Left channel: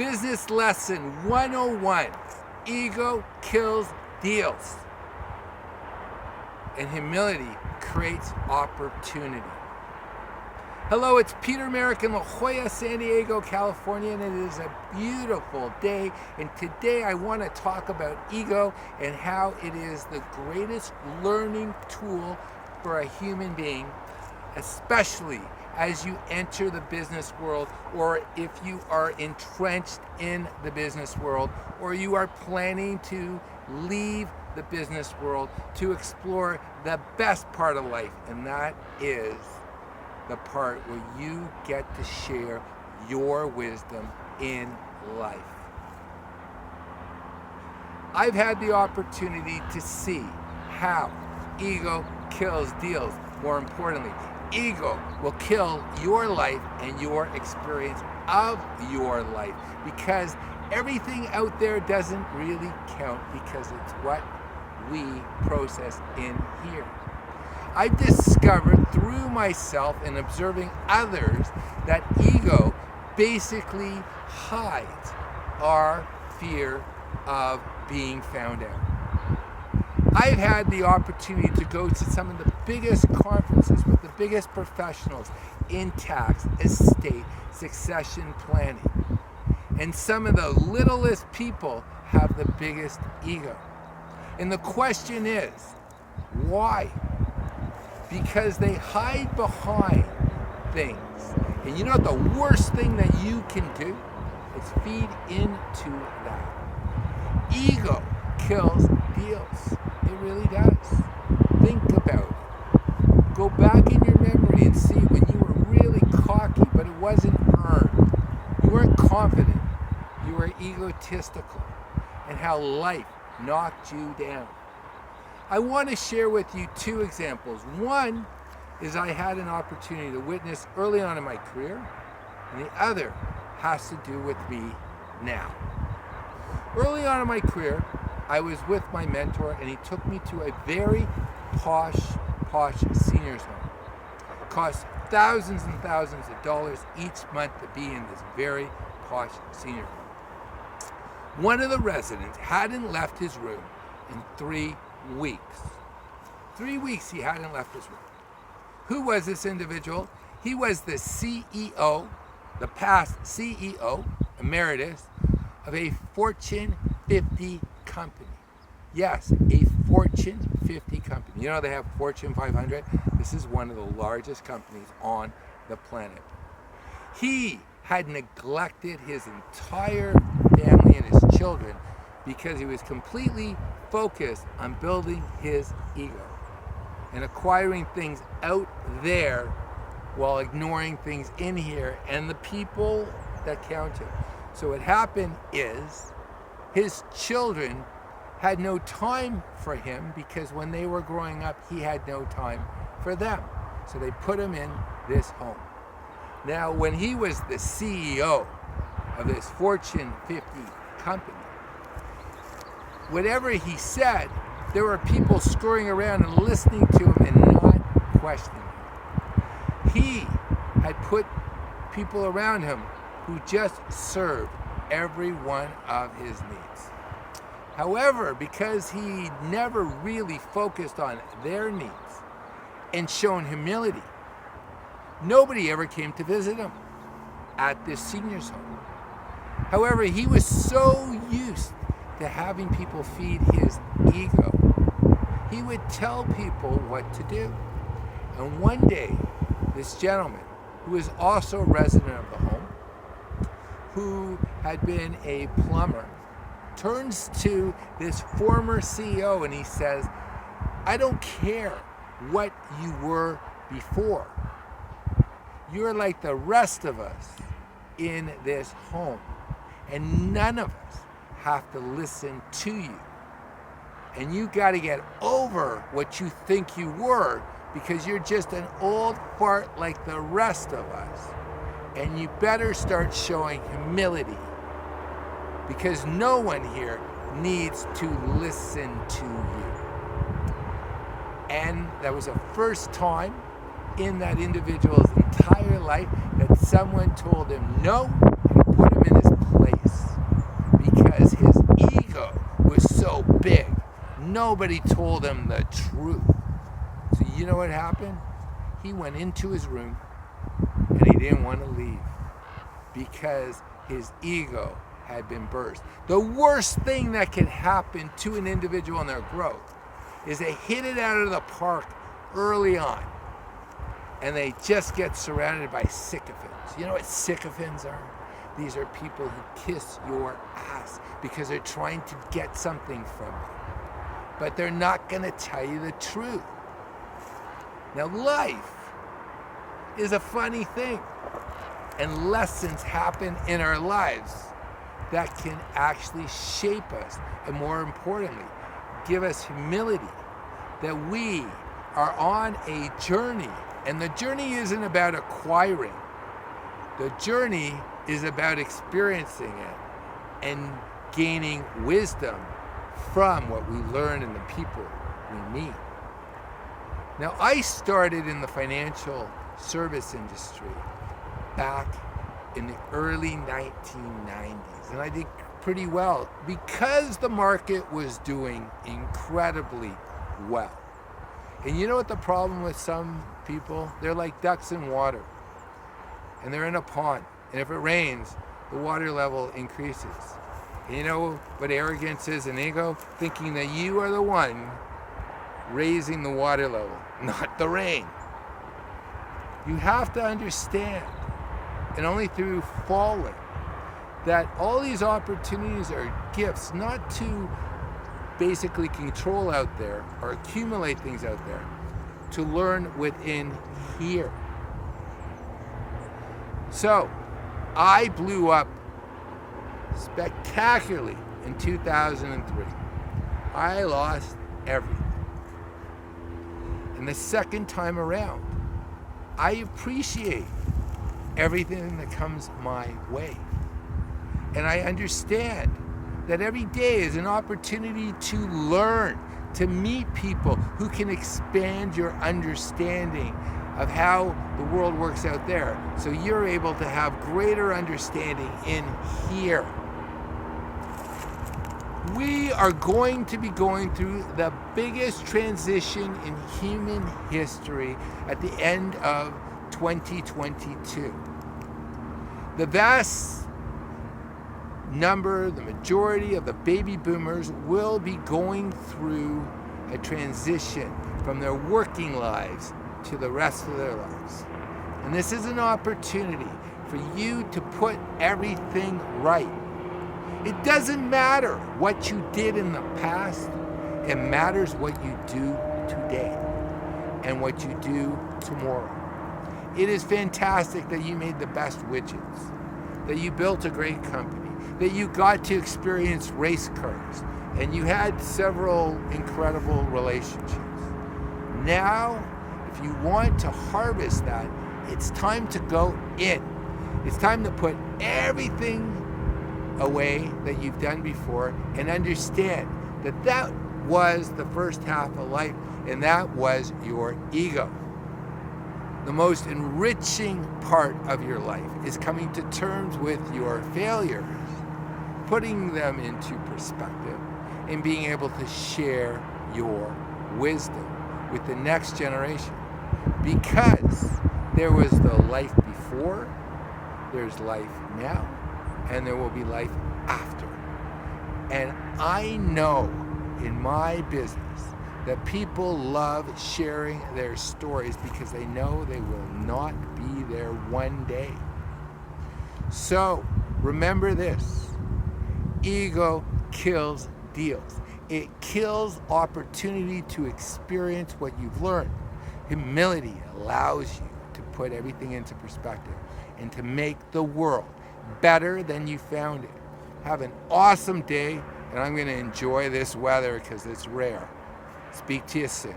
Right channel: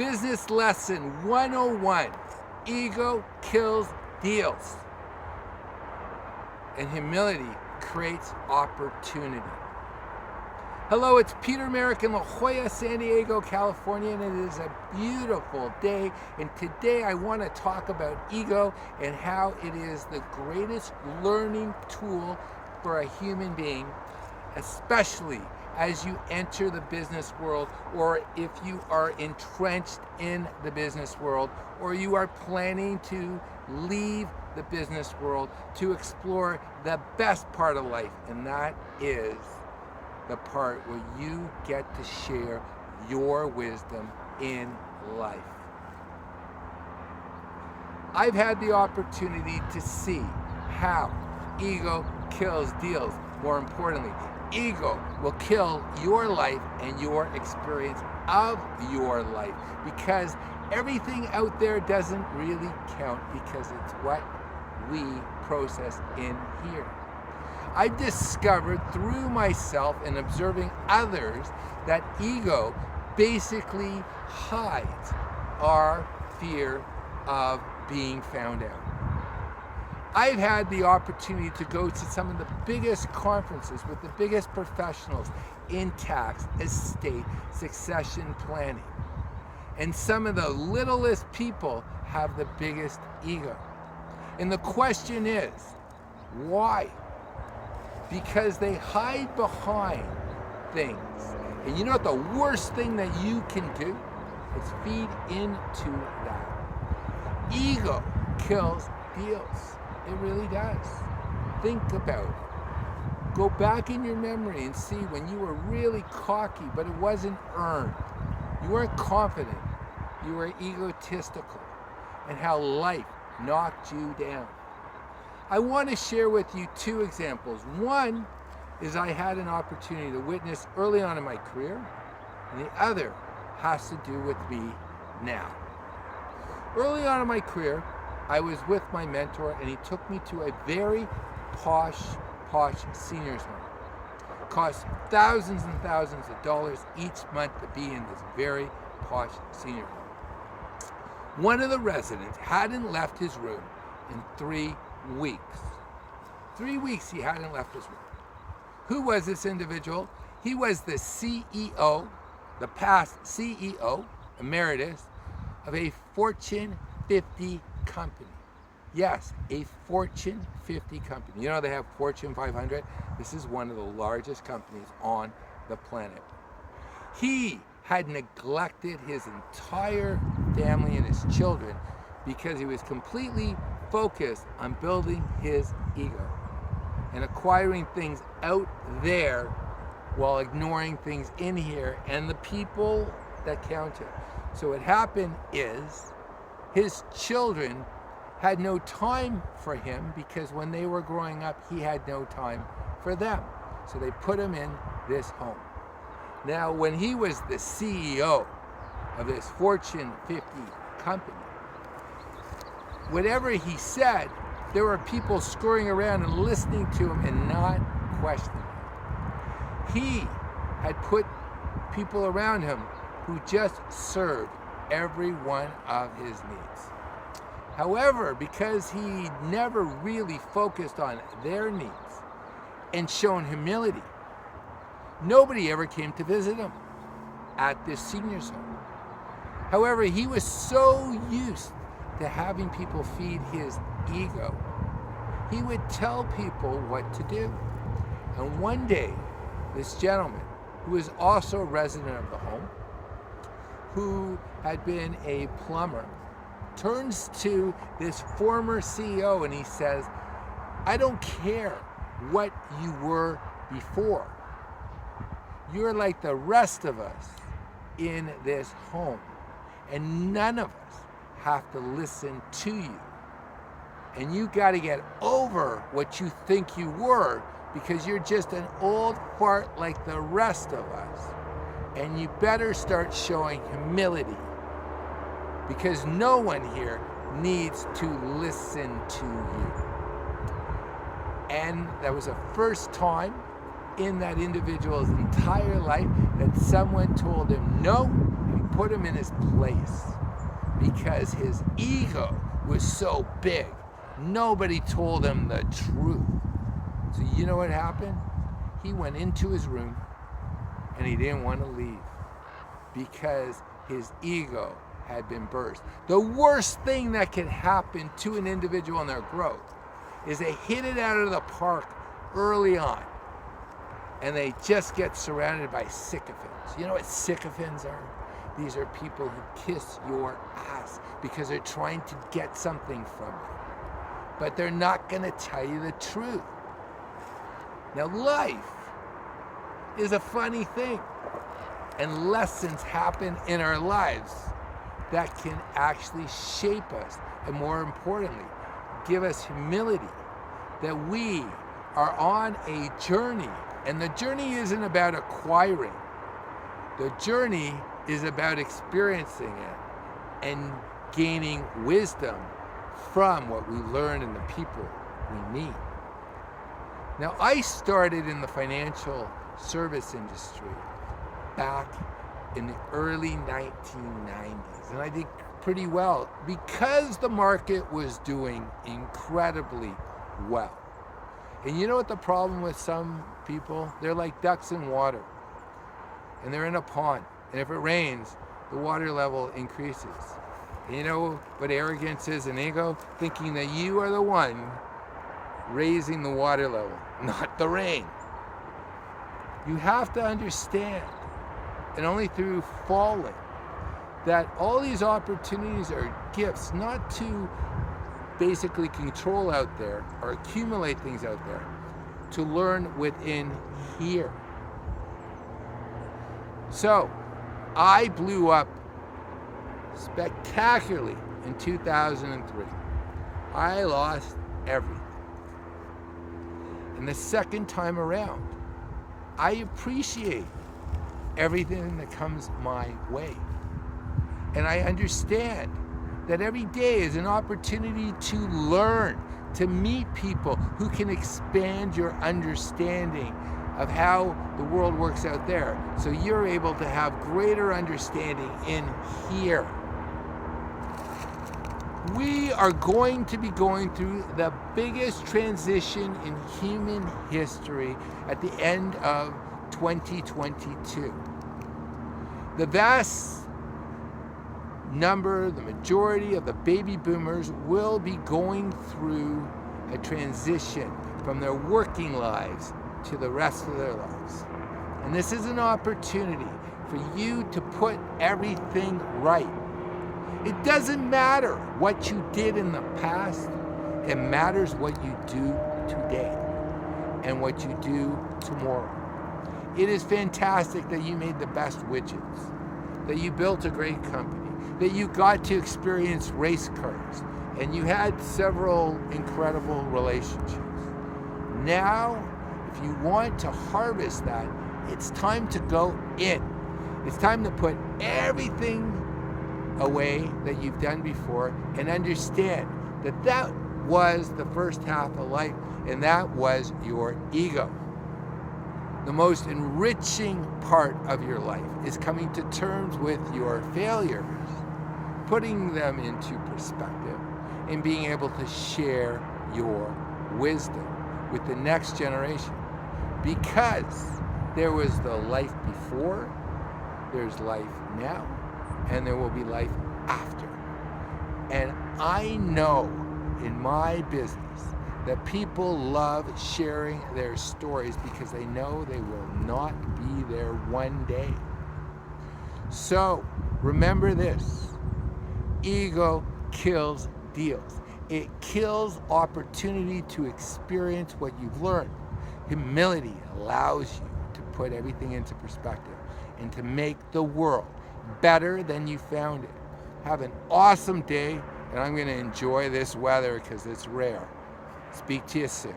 Business lesson 101. Ego kills deals. And humility creates opportunity. Hello, it's Peter Merrick in La Jolla, San Diego, California, and it is a beautiful day. And today I want to talk about ego and how it is the greatest learning tool for a human being, especially as you enter the business world, or if you are entrenched in the business world, or you are planning to leave the business world to explore the best part of life, and that is the part where you get to share your wisdom in life. I've had the opportunity to see how ego kills deals. More importantly, ego will kill your life and your experience of your life, because everything out there doesn't really count, because it's what we process in here. I've discovered through myself and observing others that ego basically hides our fear of being found out. I've had the opportunity to go to some of the biggest conferences with the biggest professionals in tax, estate, succession planning. And some of the littlest people have the biggest ego. And the question is, why? Because they hide behind things. And you know what the worst thing that you can do is feed into that. Ego kills deals. It really does. Think about it. Go back in your memory and see when you were really cocky, but it wasn't earned. You weren't confident. You were egotistical, and how life knocked you down. I want to share with you two examples. One is I had an opportunity to witness early on in my career, and the other has to do with me now. Early on in my career, I was with my mentor, and he took me to a very posh seniors home. It cost thousands and thousands of dollars each month to be in this very posh senior home. One of the residents hadn't left his room in 3 weeks. 3 weeks he hadn't left his room. Who was this individual? He was the CEO, the past CEO, emeritus, of a Fortune 50 company. Yes, a Fortune 50 company. You know they have Fortune 500? This is one of the largest companies on the planet. He had neglected his entire family and his children because he was completely focused on building his ego and acquiring things out there while ignoring things in here and the people that counted. So what happened is his children had no time for him, because when they were growing up, he had no time for them. So they put him in this home. Now, when he was the CEO of this Fortune 50 company, whatever he said, there were people scurrying around and listening to him and not questioning him. He had put people around him who just served every one of his needs. However, because he never really focused on their needs and shown humility, nobody ever came to visit him at this senior's home. However, he was so used to having people feed his ego, he would tell people what to do. And one day, this gentleman, who was also a resident of the home, who had been a plumber, turns to this former CEO and he says, "I don't care what you were before. You're like the rest of us in this home, and none of us have to listen to you. And you got to get over what you think you were, because you're just an old fart like the rest of us. And you better start showing humility, because no one here needs to listen to you." And that was the first time in that individual's entire life that someone told him no and put him in his place. so big. Nobody told him the truth. So you know what happened? He went into his room and he didn't want to leave because his ego had been burst. The worst thing that can happen to an individual in their growth is they hit it out of the park early on and they just get surrounded by sycophants. You know what sycophants are? These are people who kiss your ass because they're trying to get something from you. But they're not going to tell you the truth. Now, life is a funny thing. And lessons happen in our lives that can actually shape us. And more importantly, give us humility. That we are on a journey. And the journey isn't about acquiring. The journey is about experiencing it and gaining wisdom from what we learn and the people we meet. Now, I started in the financial service industry back in the early 1990s, and I did pretty well because the market was doing incredibly well. And you know what the problem with some people? They're like ducks in water, and they're in a pond, and if it rains, the water level increases. And you know what arrogance is and ego? Thinking that you are the one raising the water level, not the rain. You have to understand, and only through falling, that all these opportunities are gifts, not to basically control out there or accumulate things out there, to learn within here. So, I blew up spectacularly in 2003. I lost everything. And the second time around, I appreciate everything that comes my way. And I understand that every day is an opportunity to learn, to meet people who can expand your understanding of how the world works out there, so you're able to have greater understanding in here. We are going to be going through the biggest transition in human history at the end of 2022. The vast number, the majority of the baby boomers will be going through a transition from their working lives to the rest of their lives. And this is an opportunity for you to put everything right. It doesn't matter what you did in the past. It matters what you do today and what you do tomorrow. It is fantastic that you made the best widgets, that you built a great company, that you got to experience race cars, and you had several incredible relationships. Now, if you want to harvest that, it's time to go in. It's time to put everything away that you've done before and understand that that was the first half of life, and that was your ego. The most enriching part of your life is coming to terms with your failures, putting them into perspective, and being able to share your wisdom with the next generation. Because there was the life before, there's life now, and there will be life after. And I know in my business that people love sharing their stories because they know they will not be there one day. So remember this: ego kills deals. It kills opportunity to experience what you've learned. Humility allows you to put everything into perspective and to make the world better than you found it. Have an awesome day, and I'm going to enjoy this weather because it's rare. Speak to you soon.